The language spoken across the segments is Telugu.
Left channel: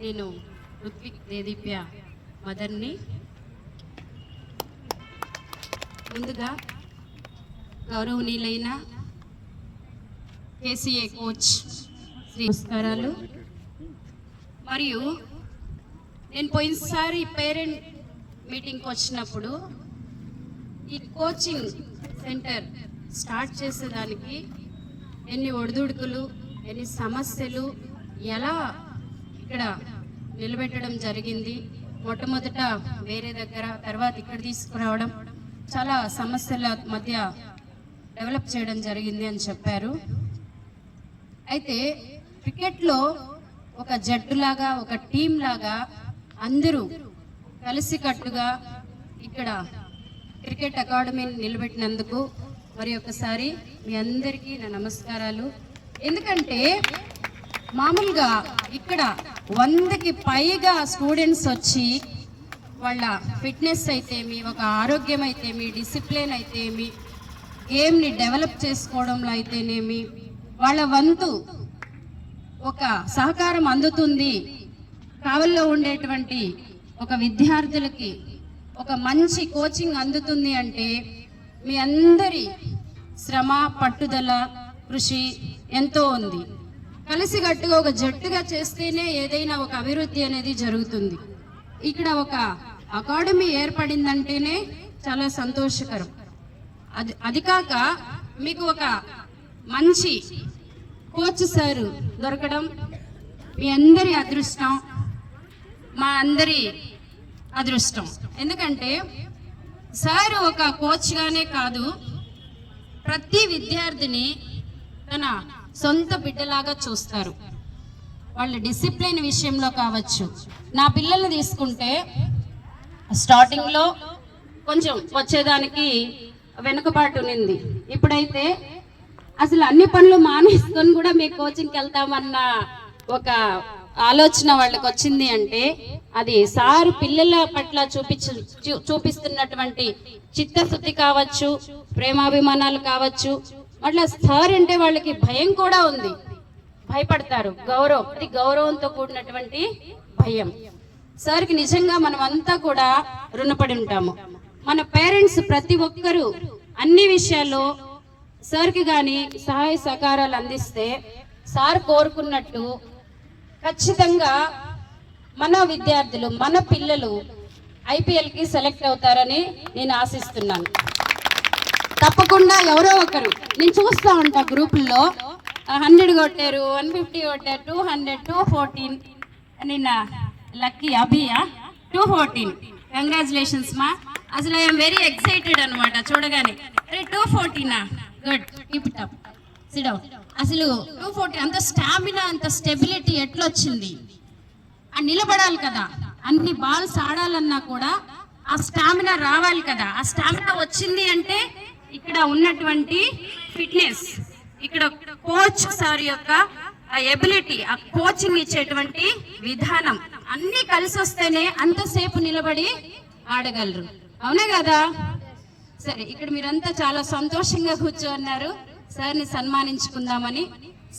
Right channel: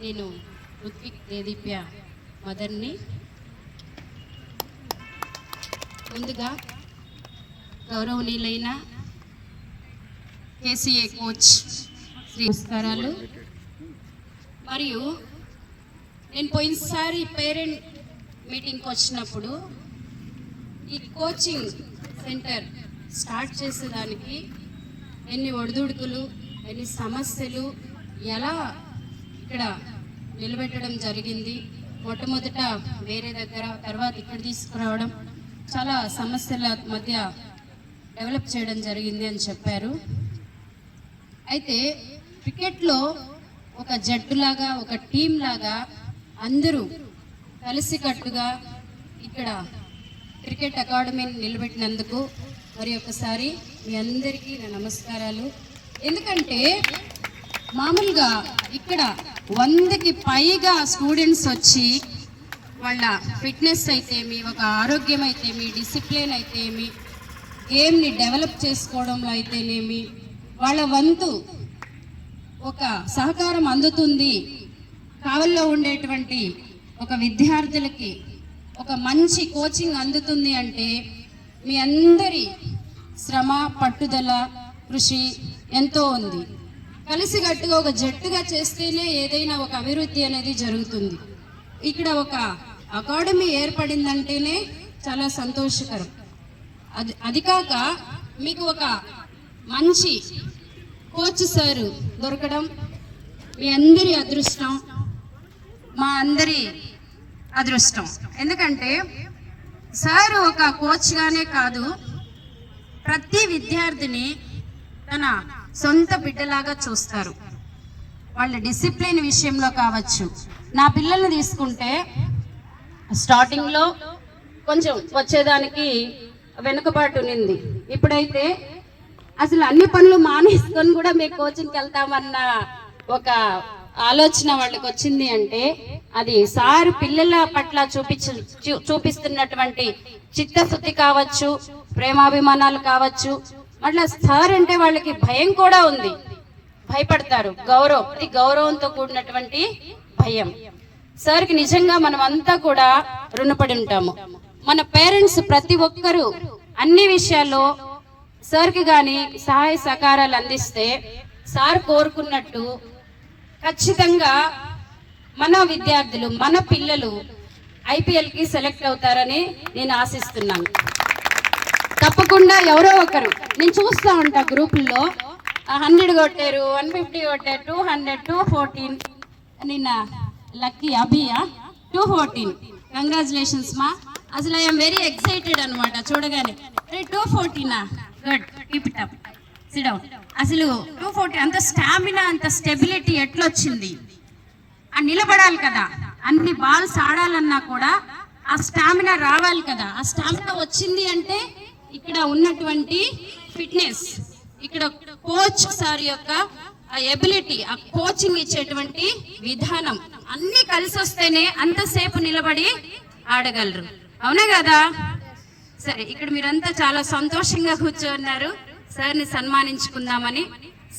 నేను ఋత్విక్ దేదీప్య మదర్ని. ముందుగా గౌరవనీయులైన కేసీఏ కోచ్ శ్రీ నమస్కారాలు మరియు నేను పోయినసారి పేరెంట్ మీటింగ్కి వచ్చినప్పుడు ఈ కోచింగ్ సెంటర్ స్టార్ట్ చేసేదానికి ఎన్ని ఒడిదుడుకులు ఎన్ని సమస్యలు ఎలా ఇక్కడ నిలబెట్టడం జరిగింది. మొట్టమొదట వేరే దగ్గర తర్వాత ఇక్కడ తీసుకురావడం. చాలా సమస్యల మధ్య డెవలప్ చేయడం జరిగింది అని చెప్పారు. అయితే క్రికెట్లో ఒక జట్టులాగా ఒక టీం లాగా అందరూ కలిసికట్టుగా ఇక్కడ క్రికెట్ అకాడమీని నిలబెట్టినందుకు మరి ఒకసారి మీ అందరికీ నా నమస్కారాలు. ఎందుకంటే మామూలుగా ఇక్కడ వందకి పైగా స్టూడెంట్స్ వచ్చి వాళ్ళ ఫిట్నెస్ అయితేమి ఒక ఆరోగ్యం అయితేమి డిసిప్లిన్ అయితేమి గేమ్ని డెవలప్ చేసుకోవడంలో అయితేనేమి వాళ్ళ వంతు ఒక సహకారం అందుతుంది. కావల్లో ఉండేటువంటి ఒక విద్యార్థులకి ఒక మంచి కోచింగ్ అందుతుంది అంటే మీ అందరి శ్రమ పట్టుదల కృషి ఎంతో ఉంది. కలిసికట్టుగా ఒక జట్టుగా చేస్తేనే ఏదైనా ఒక అభివృద్ధి అనేది జరుగుతుంది. ఇక్కడ ఒక అకాడమీ ఏర్పడిందంటేనే చాలా సంతోషకరం. అది అది కాక మీకు ఒక మంచి కోచ్ సారు దొరకడం మీ అందరి అదృష్టం మా అందరి అదృష్టం. ఎందుకంటే సార్ ఒక కోచ్గానే కాదు ప్రతి విద్యార్థిని తన సొంత బిడ్డలాగా చూస్తారు. వాళ్ళ డిసిప్లిన్ విషయంలో కావచ్చు. నా పిల్లల్ని తీసుకుంటే స్టార్టింగ్లో కొంచెం వచ్చేదానికి వెనుకబాటు ఉంది. ఇప్పుడైతే అసలు అన్ని పనులు మానేసుకొని కూడా మేము కోచింగ్కి వెళ్తామన్న ఒక ఆలోచన వాళ్ళకి వచ్చింది అంటే అది సార్ పిల్లల పట్ల చూపించు చూ- చూపిస్తున్నటువంటి చిత్తశుద్ధి కావచ్చు ప్రేమాభిమానాలు కావచ్చు అట్లా సార్ అంటే వాళ్ళకి భయం కూడా ఉంది. భయపడతారు. గౌరవం. అది గౌరవంతో కూడినటువంటి భయం. సార్కి నిజంగా మనం అంతా కూడా రుణపడి ఉంటాము. మన పేరెంట్స్ ప్రతి ఒక్కరూ అన్ని విషయాల్లో సార్కి కానీ సహాయ సహకారాలు అందిస్తే సార్ కోరుకున్నట్టు ఖచ్చితంగా మన విద్యార్థులు మన పిల్లలు ఐపీఎల్కి సెలెక్ట్ అవుతారని నేను ఆశిస్తున్నాను. తప్పకుండా ఎవరో ఒకరు. నేను చూస్తా ఉంటా గ్రూపుల్లో. హండ్రెడ్ కొట్టారు వన్ ఫిఫ్టీ కొట్టారు టూ హండ్రెడ్ టూ ఫోర్టీన్. నిన్న లక్కీ అభియా టూ ఫోర్టీన్. కంగ్రాచులేషన్స్ మా. అసలు ఐఎమ్ వెరీ ఎక్సైటెడ్ అనమాట చూడగానే. అరే టూ ఫోర్టీనా? గుడ్ కీప్ ఇట్ అప్ సిడౌ అసలు టూ ఫోర్టీ అంత స్టామినా అంత స్టెబిలిటీ ఎట్లొచ్చింది? ఆ నిలబడాలి కదా. అన్ని బాల్స్ ఆడాలన్నా కూడా ఆ స్టామినా రావాలి కదా. ఆ స్టామినా వచ్చింది అంటే ఇక్కడ ఉన్నటువంటి ఫిట్నెస్ ఇక్కడ కోచ్ సార్ యొక్క ఆ ఎబిలిటీ ఆ కోచింగ్ ఇచ్చేటువంటి విధానం అన్ని కలిసి వస్తేనే అంతసేపు నిలబడి ఆడగలరు. అవునా కదా? సరే ఇక్కడ మీరంతా చాలా సంతోషంగా కూర్చోన్నారు. సార్ని సన్మానించుకుందామని.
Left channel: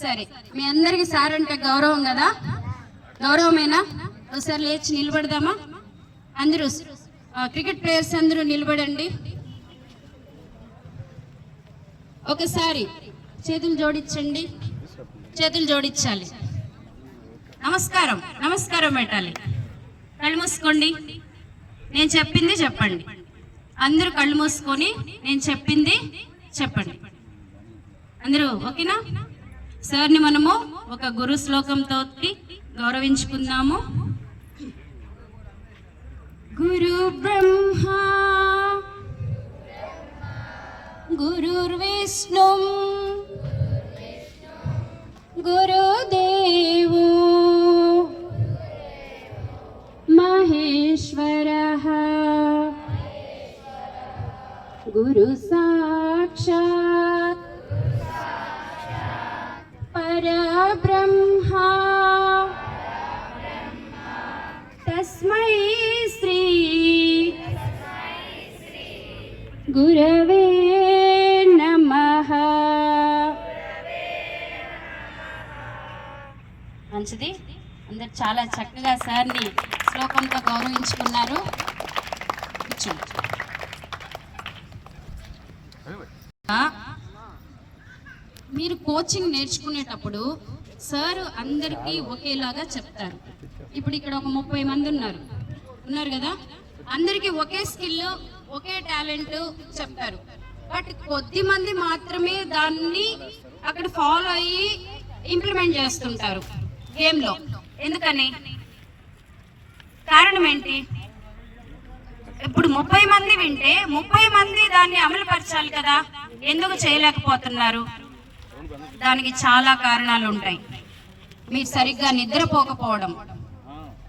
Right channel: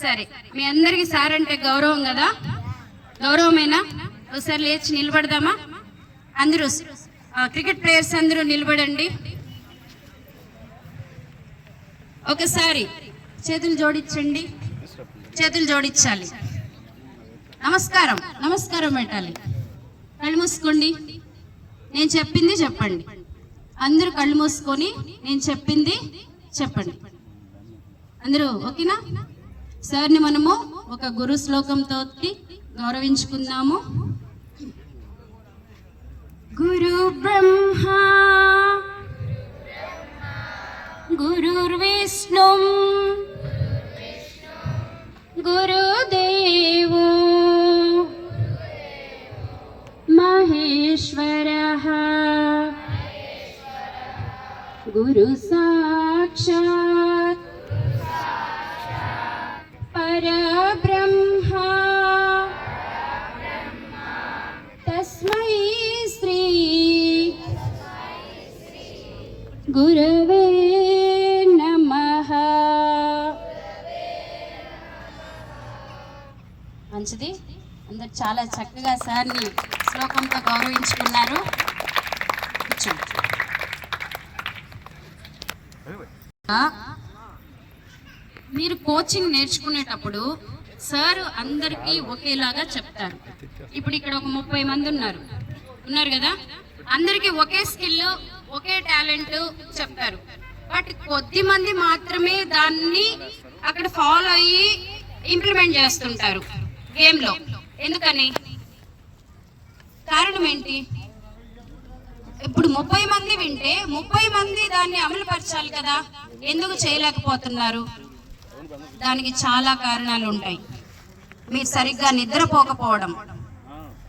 సరే మీ అందరికి సార్ అంటే గౌరవం కదా? గౌరవమేనా? ఒకసారి లేచి నిలబడదామా? అందరూ క్రికెట్ ప్లేయర్స్ అందరూ నిలబడండి. ఒకసారి చేతులు జోడించండి. చేతులు జోడించాలి. నమస్కారం. నమస్కారం పెట్టాలి కళ్ళు మూసుకోండి. నేను చెప్పింది చెప్పండి. అందరూ కళ్ళు మూసుకొని నేను చెప్పింది చెప్పండి. అందరూ ఓకేనా? సార్ని మనము ఒక గురు శ్లోకంతో గౌరవించుకుందాము. గురు బ్రహ్మ गुरुर्विष्णु गुरुदेवो। महेश्वरः। गुरुसाक्षात् परब्रह्मा। तस्मै श्री। गुरवे। మంచిది. అందరు చాలా చక్కగా సార్ని శ్లోకంతో గౌరవించుకున్నారు. మీరు కోచింగ్ నేర్చుకునేటప్పుడు సార్ అందరికీ ఒకేలాగా చెప్తారు. ఇప్పుడు ఇక్కడ ఒక ముప్పై మంది ఉన్నారు. ఉన్నారు కదా? అందరికీ ఒకే స్కిల్ ఒకే టాలెంట్ చెప్తారు. బట్ కొద్ది మంది మాత్రమే దాన్ని అక్కడ ఫాలో అయ్యి ఇంప్లిమెంట్ చేస్తుంటారు. గేమ్లో. ఎందుకని? కారణం ఏంటి ఇప్పుడు ముప్పై మంది వింటే ముప్పై మంది దాన్ని అమలు పరచాలి కదా. ఎందుకు చేయలేకపోతున్నారు? దానికి చాలా కారణాలు ఉంటాయి. మీరు సరిగ్గా నిద్రపోకపోవడం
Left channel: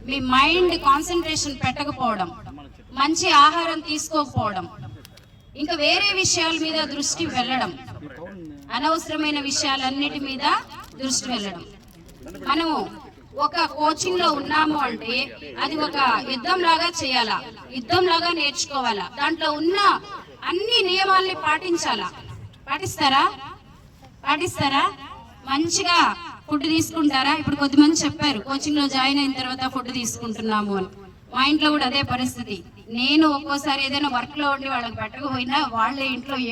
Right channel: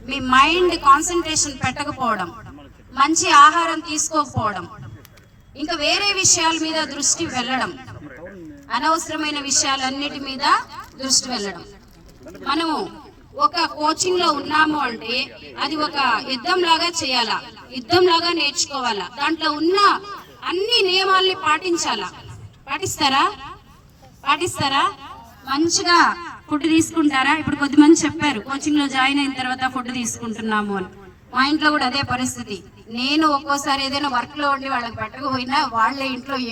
మీ మైండ్ కాన్సన్ట్రేషన్ పెట్టకపోవడం మంచి ఆహారం తీసుకోకపోవడం ఇంకా వేరే విషయాల మీద దృష్టి వెళ్ళడం అనవసరమైన విషయాలన్నిటి మీద దృష్టి వెళ్ళడం. మనము ఒక కోచింగ్లో ఉన్నాము అంటే అది ఒక యుద్ధం లాగా చేయాలా? యుద్ధం లాగా నేర్చుకోవాలా? దాంట్లో ఉన్న అన్ని నియమాల్ని పాటించాలా? పాటిస్తారా? పాటిస్తారా? మంచిగా ఫుడ్ తీసుకుంటారా? ఇప్పుడు కొద్దిమంది చెప్పారు కోచింగ్లో జాయిన్ అయిన తర్వాత ఫుడ్ తీసుకుంటున్నాము అని. మా ఇంట్లో కూడా అదే పరిస్థితి. నేను ఒక్కోసారి ఏదైనా వర్క్లో ఉండి వాళ్ళకి పట్టకపోయినా వాళ్ళ ఇంట్లో